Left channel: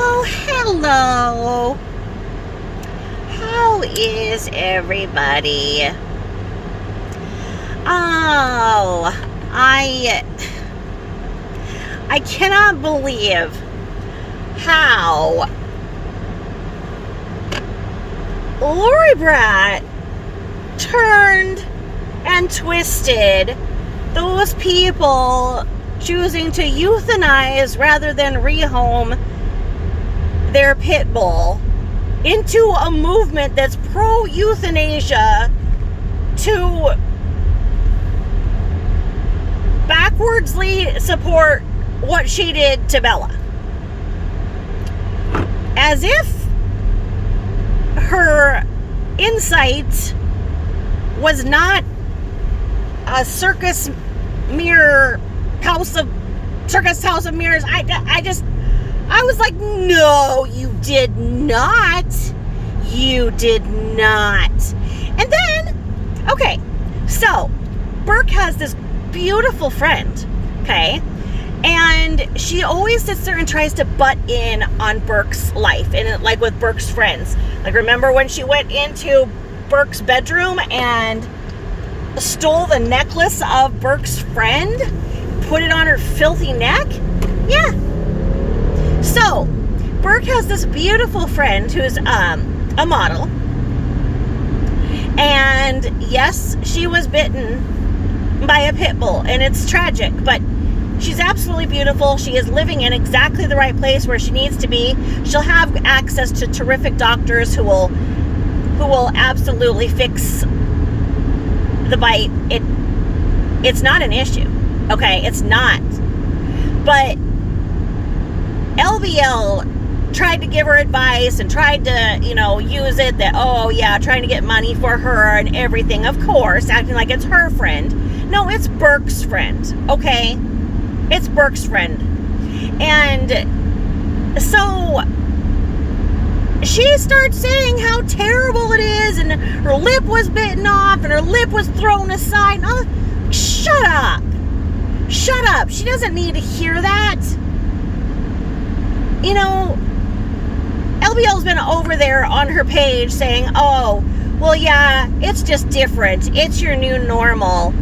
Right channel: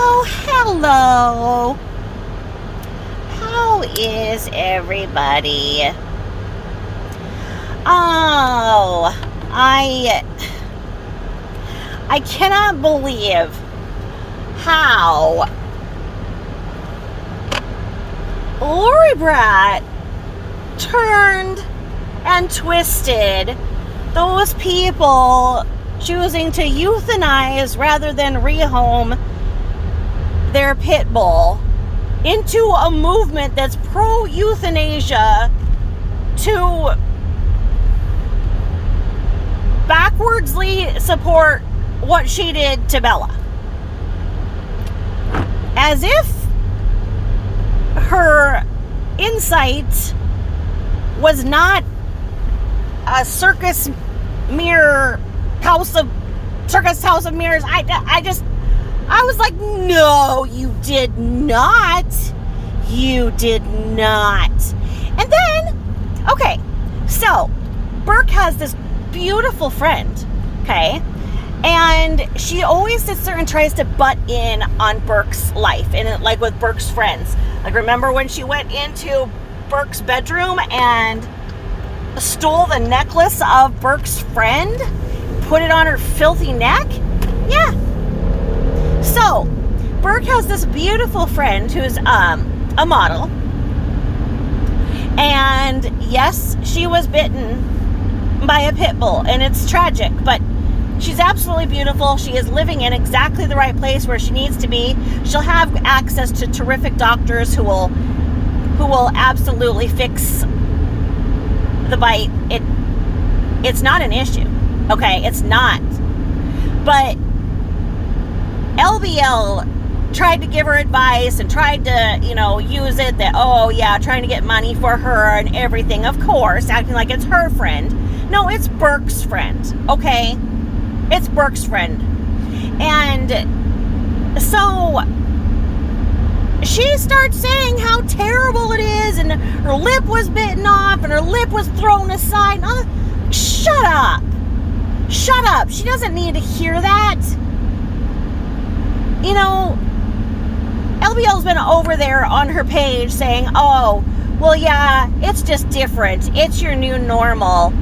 Oh, hello. How is everybody? Oh, I cannot believe how Lori Brat turned and twisted those people choosing to euthanize rather than rehome their pit bull into a movement that's pro-euthanasia to backwardsly support what she did to Bella. As if her insight was not a circus house of mirrors. I was like, no, you did not. You did not. And then, okay, so Burke has this beautiful friend, okay? And she always sits there and tries to butt in on Burke's life, and like with Burke's friends. Like, remember when she went into Burke's bedroom and stole the necklace of Burke's friend, put it on her filthy neck? Yeah. So, Burke has this beautiful friend who's a model. And yes, she was bitten by a pit bull, and it's tragic, but she's absolutely beautiful. She is living in exactly the right place where she needs to be. She'll have access to terrific doctors who will absolutely fix the bite. It's not an issue. Okay, it's not. But LBL tried to give her advice and tried to, use it that, oh yeah, trying to get money for her and everything, of course, acting like it's her friend. No, it's Burke's friend, okay? It's Burke's friend. And so she starts saying how terrible it is, and her lip was bitten off and her lip was thrown aside. Oh, shut up. Shut up. She doesn't need to hear that. LBL's been over there on her page saying, oh, well, yeah, it's just different. It's your new normal.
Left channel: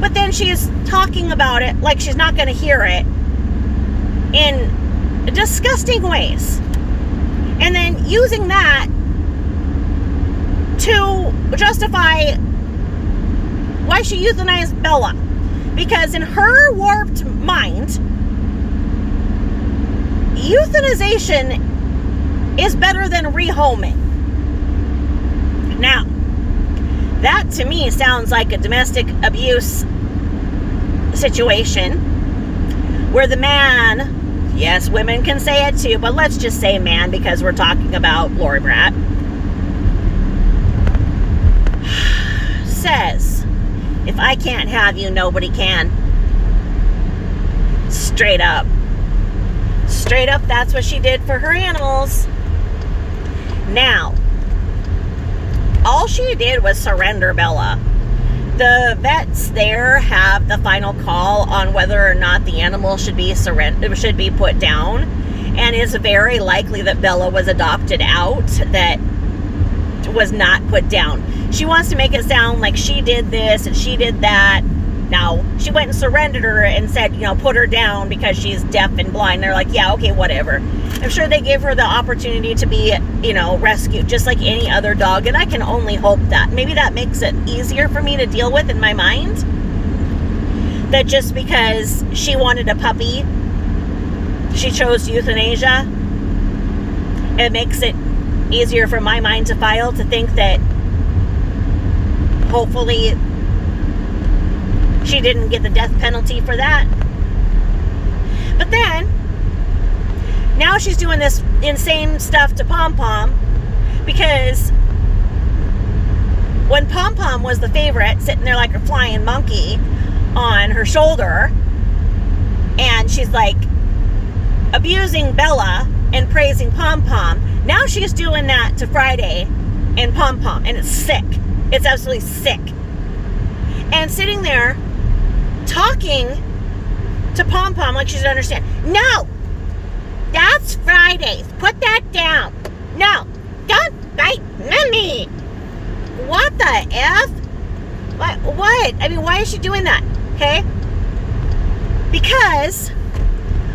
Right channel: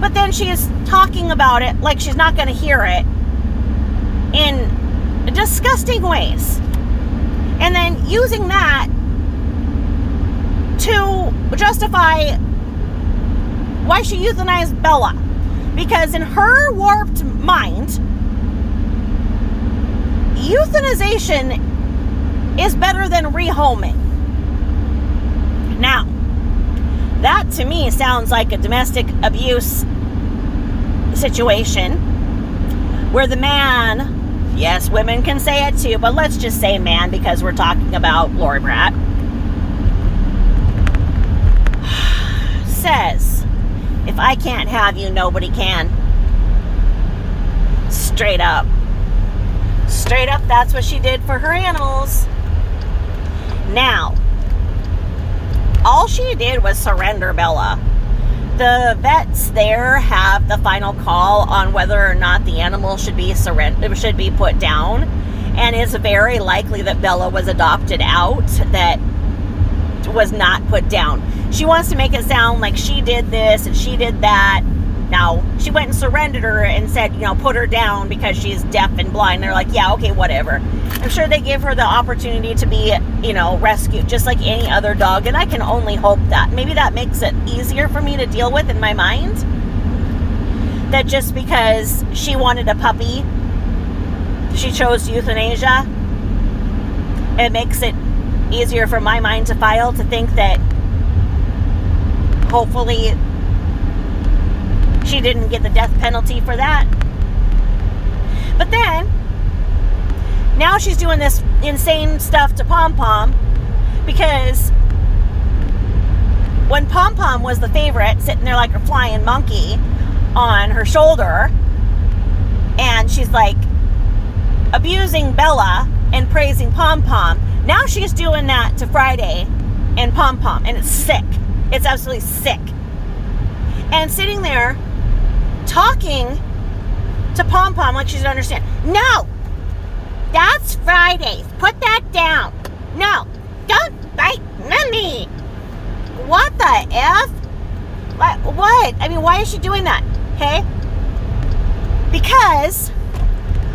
But then she's talking about it like she's not going to hear it in disgusting ways. And then using that to justify why she euthanized Bella. Because in her warped mind, euthanization is better than rehoming. Now, that to me sounds like a domestic abuse situation where the man, yes, women can say it too, but let's just say man because we're talking about Lori Brat, says, if I can't have you, nobody can. Straight up. Straight up, that's what she did for her animals. Now, all she did was surrender Bella. The vets there have the final call on whether or not the animal should be put down, and it's very likely that Bella was adopted out, that was not put down. She wants to make it sound like she did this and she did that. Now, she went and surrendered her and said, put her down because she's deaf and blind. They're like, yeah, okay, whatever. I'm sure they gave her the opportunity to be, rescued just like any other dog. And I can only hope that. Maybe that makes it easier for me to deal with in my mind. That just because she wanted a puppy, she chose euthanasia. It makes it easier for my mind to file to think that hopefully she didn't get the death penalty for that. But then, now she's doing this insane stuff to Pom Pom because when Pom Pom was the favorite, sitting there like a flying monkey on her shoulder, and she's like abusing Bella and praising Pom Pom, now she's doing that to Friday and Pom Pom, and it's sick. It's absolutely sick. And sitting there talking to Pom Pom like she doesn't understand. No! That's That's Fridays. Put that down. No, don't bite Mommy. What the F? What? I mean, why is she doing that? Okay? Because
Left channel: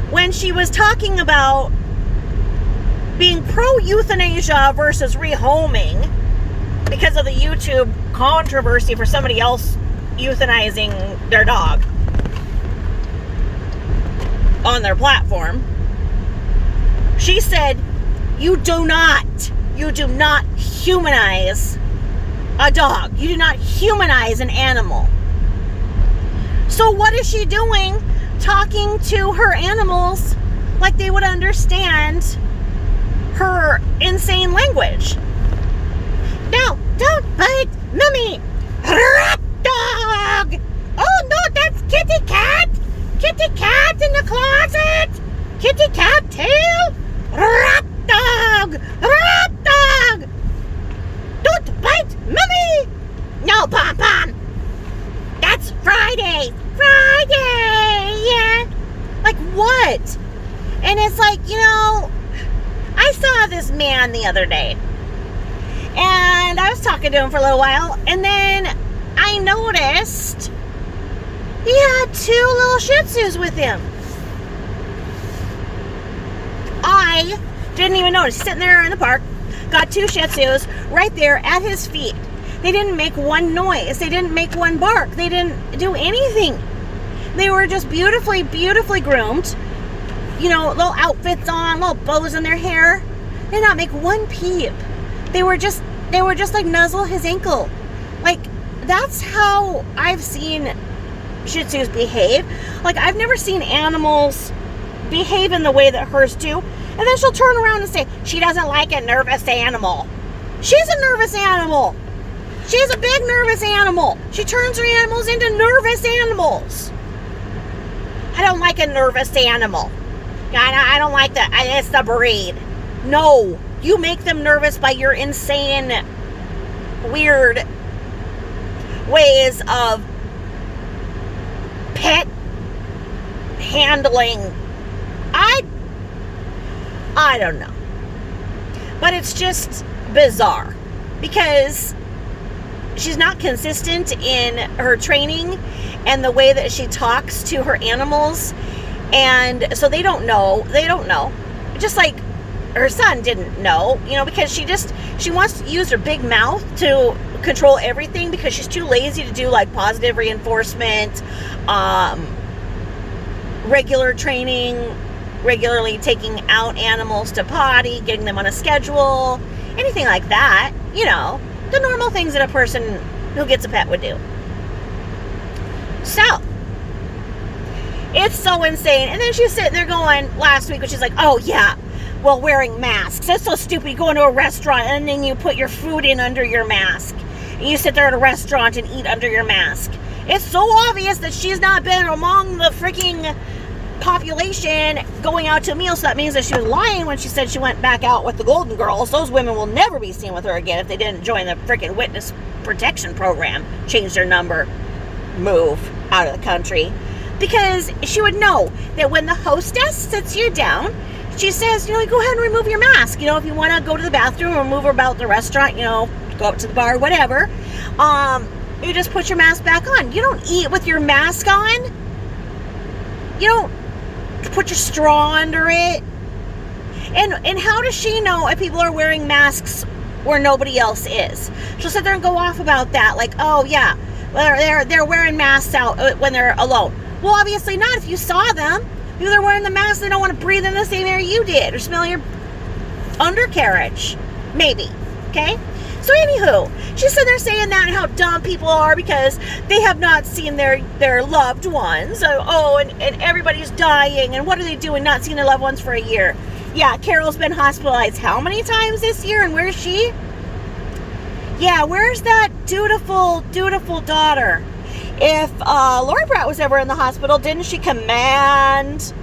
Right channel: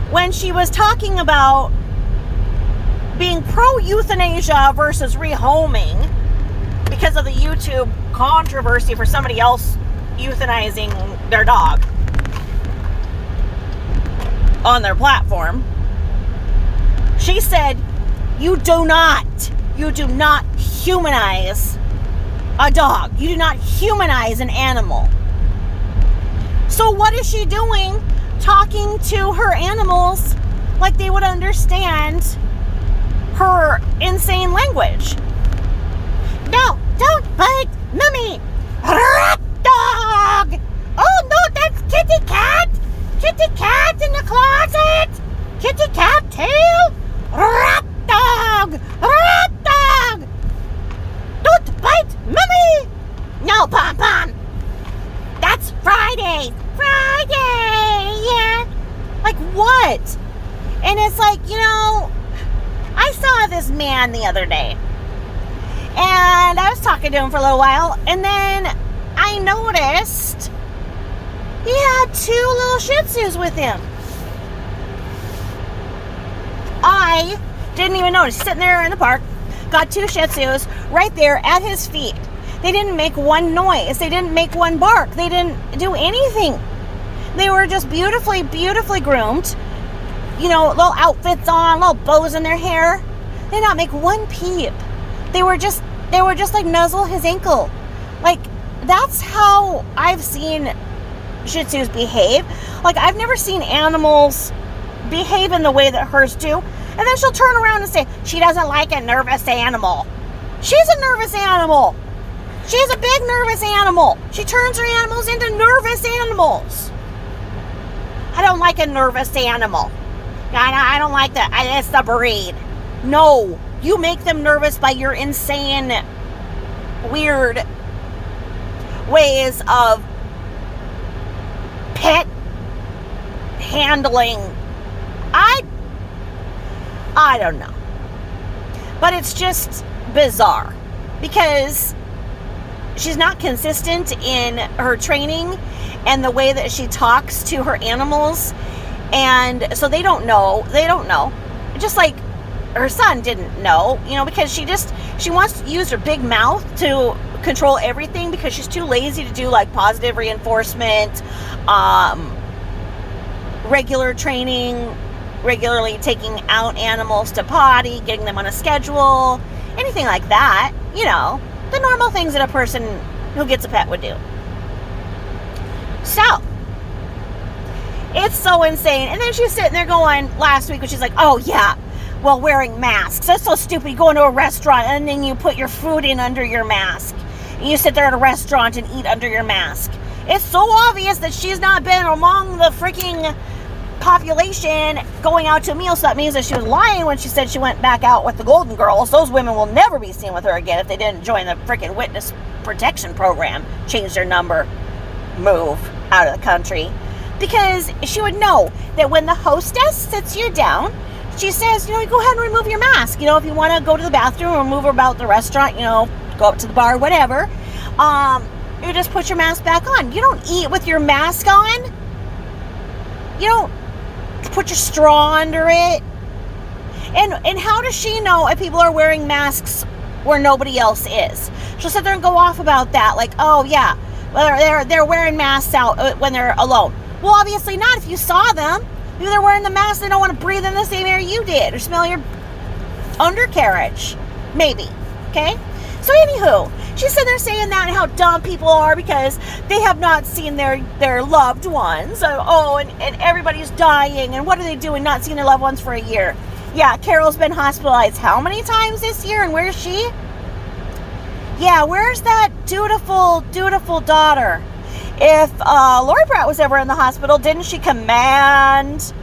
when she was talking about being pro-euthanasia versus rehoming because of the YouTube controversy for somebody else euthanizing their dog on their platform, she said, you do not humanize a dog. You do not humanize an animal. So what is she doing talking to her animals like they would understand her insane language? No, don't bite Mommy. Rat dog. Oh no, that's Kitty Cat. Kitty Cat in the closet. Kitty Cat tail. Rat dog. Rat dog. Don't bite Mommy. No, Pom Pom. That's Friday. Friday. Yeah. Like what? And it's like, I saw this man the other day. And I was talking to him for a little while. And then I noticed he had 2 little Shih Tzus with him. I didn't even notice. He's sitting there in the park. Got 2 Shih Tzus right there at his feet. They didn't make one noise. They didn't make one bark. They didn't do anything. They were just beautifully, beautifully groomed. Little outfits on, little bows in their hair. They did not make one peep. They were just like nuzzle his ankle. Like, that's how I've seen Shih Tzus behave. Like, I've never seen animals behave in the way that hers do. And then she'll turn around and say, she doesn't like a nervous animal. She's a nervous animal. She's a big nervous animal. She turns her animals into nervous animals. I don't like a nervous animal. I don't like that. It's the breed. No, you make them nervous by your insane, weird ways of pet handling. I don't know. But it's just bizarre because she's not consistent in her training and the way that she talks to her animals. And so they don't know. Just like her son didn't know, because she wants to use her big mouth to control everything because she's too lazy to do like positive reinforcement, regular training, regularly taking out animals to potty, getting them on a schedule, anything like that. The normal things that a person who gets a pet would do. So, it's so insane. And then she's sitting there going, last week, when she's like, oh yeah, well, wearing masks. That's so stupid. You go into a restaurant and then you put your food in under your mask. And you sit there at a restaurant and eat under your mask. It's so obvious that she's not been among the freaking population going out to a meal. So that means that she was lying when she said she went back out with the Golden Girls. Those women will never be seen with her again if they didn't join the freaking witness protection program, change their number, move out of the country. Because she would know that when the hostess sits you down, she says, go ahead and remove your mask. If you want to go to the bathroom or move about the restaurant, go up to the bar, whatever, you just put your mask back on. You don't eat with your mask on. You don't put your straw under it. And how does she know if people are wearing masks where nobody else is? She'll sit there and go off about that. Like, oh yeah, well, they're wearing masks out when they're alone. Well, obviously not if you saw them. Maybe they're wearing the mask, they don't want to breathe in the same air you did or smell your undercarriage. Maybe. Okay? So anywho, she's sitting there saying that and how dumb people are because they have not seen their loved ones. And everybody's dying. And what are they doing not seeing their loved ones for a year? Yeah, Carol's been hospitalized how many times this year? And where's she? Yeah, where's that dutiful, dutiful daughter? If Lori Pratt was ever in the hospital, didn't she command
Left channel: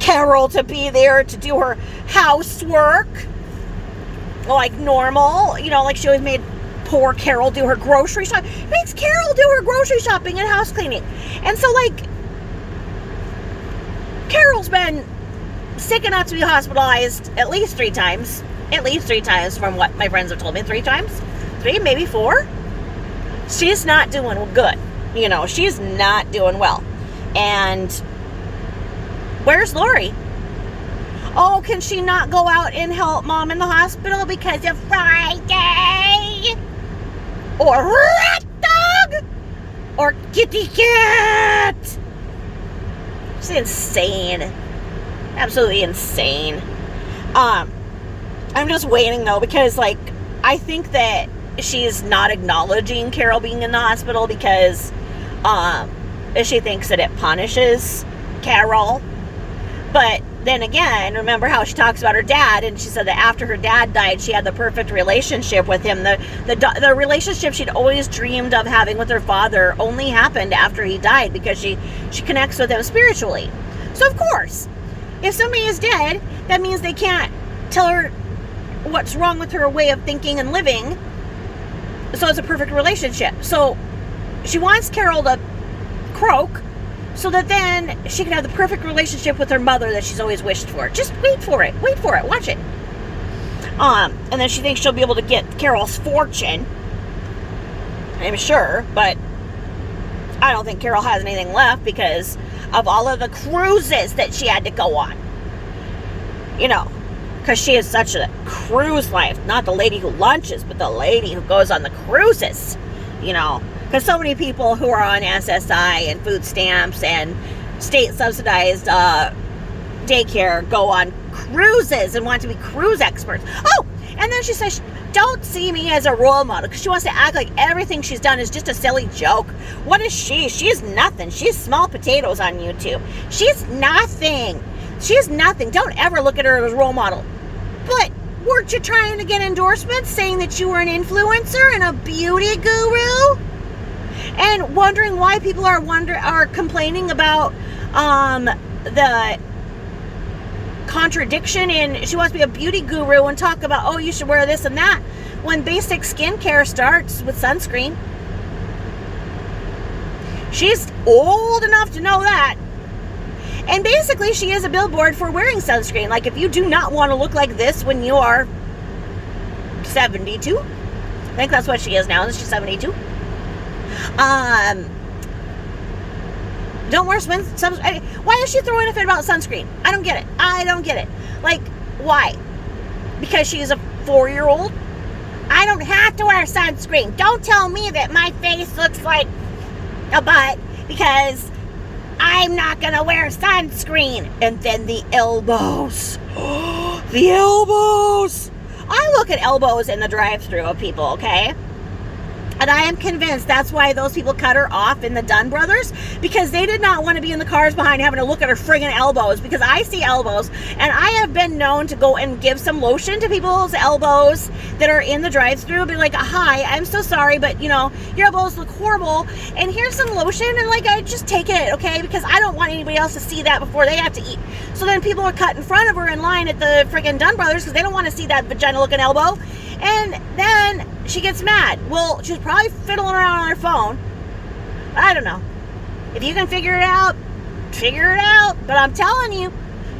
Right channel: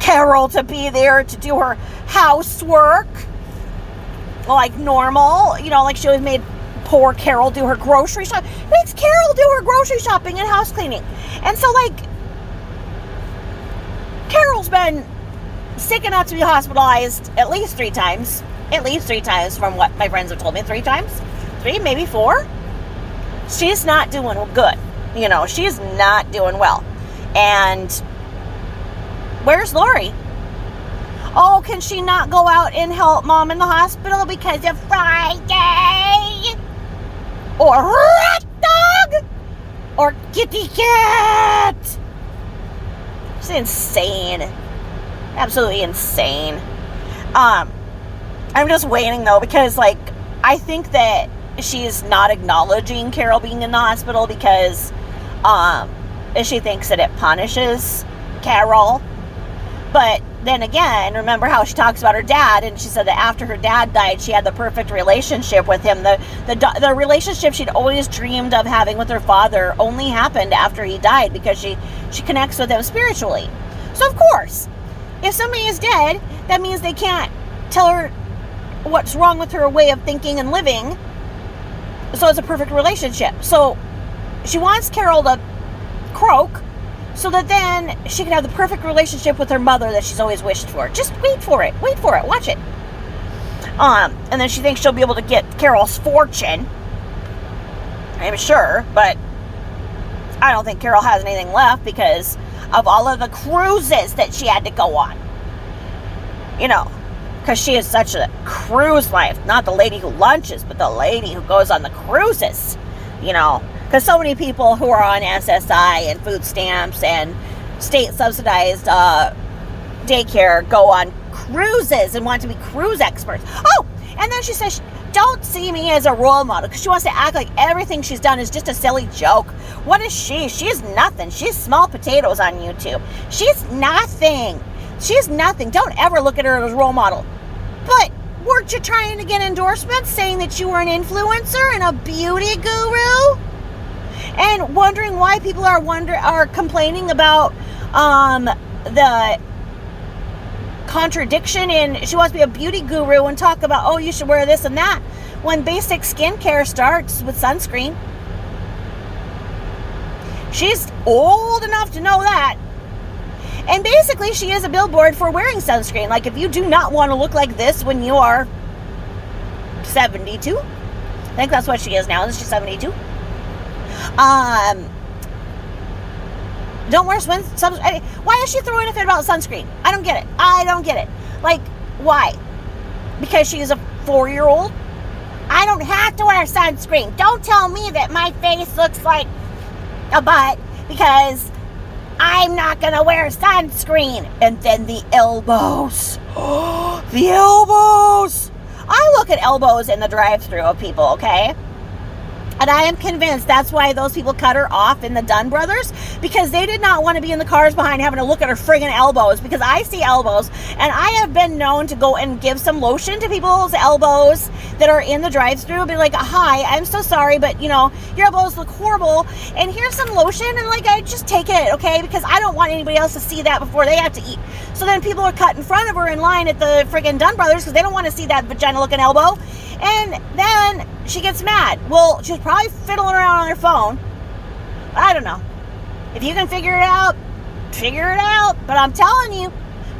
Carol to be there to do her housework like normal? Like she always made poor Carol do her grocery shopping. Makes Carol do her grocery shopping and house cleaning. And so, like, Carol's been sick enough to be hospitalized at least 3 times. At least 3 times from what my friends have told me. 3 times? 3, maybe 4. She's not doing good. You know, she's not doing well. And where's Lori? Oh, can she not go out and help Mom in the hospital because of Friday? Or rat dog? Or kitty cat? She's insane. Absolutely insane. I'm just waiting though, because like, I think that she's not acknowledging Carol being in the hospital because she thinks that it punishes Carol. But then again, remember how she talks about her dad, and she said that after her dad died, she had the perfect relationship with him. The relationship she'd always dreamed of having with her father only happened after he died, because she connects with him spiritually. So of course, if somebody is dead, that means they can't tell her what's wrong with her way of thinking and living. So it's a perfect relationship. So she wants Carol to croak so that then she can have the perfect relationship with her mother that she's always wished for. Just wait for it. Wait for it. Watch it. And then she thinks she'll be able to get Carol's fortune. I'm sure, but I don't think Carol has anything left because of all of the cruises that she had to go on. You know, because she is such a cruise life. Not the lady who lunches, but the lady who goes on the cruises. You know, because so many people who are on SSI and food stamps and state subsidized daycare go on cruises and want to be cruise experts. Oh, and then she says, don't see me as a role model, because she wants to act like everything she's done is just a silly joke. What is she? She's nothing. She's small potatoes on YouTube. She's nothing. She's nothing. Don't ever look at her as a role model. But weren't you trying to get endorsements saying that you were an influencer and a beauty guru? And wondering why people are complaining about the contradiction in she wants to be a beauty guru and talk about, oh, you should wear this and that, when basic skincare starts with sunscreen. She's old enough to know that. And basically, she is a billboard for wearing sunscreen. Like, if you do not want to look like this when you are 72, I think that's what she is now. She's 72. Don't wear sunscreen. Why is she throwing a fit about sunscreen? I don't get it. Like, why? Because she's a 4-year-old? I don't have to wear sunscreen. Don't tell me that my face looks like a butt because I'm not going to wear sunscreen. And then the elbows. The elbows. I look at elbows in the drive-thru of people, okay? And I am convinced that's why those people cut her off in the Dunn Brothers, because they did not want to be in the cars behind having to look at her friggin' elbows, because I see elbows, and I have been known to go and give some lotion to people's elbows that are in the drive-thru, be like, hi, I'm so sorry, but, you know, your elbows look horrible, and here's some lotion, and, like, I just take it, okay, because I don't want anybody else to see that before they have to eat. So then people are cut in front of her in line at the friggin' Dunn Brothers, because they don't want to see that vagina-looking elbow, and then she gets mad. Well, she's probably fiddling around on her phone. I don't know. If you can figure it out, figure it out. But I'm telling you,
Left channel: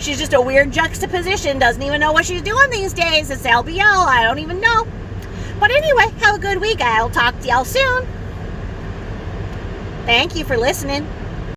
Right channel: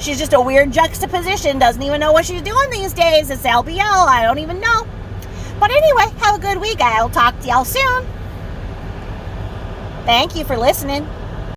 she's just a weird juxtaposition. Doesn't even know what she's doing these days. It's LBL. I don't even know. But anyway, have a good week. I'll talk to y'all soon. Thank you for listening.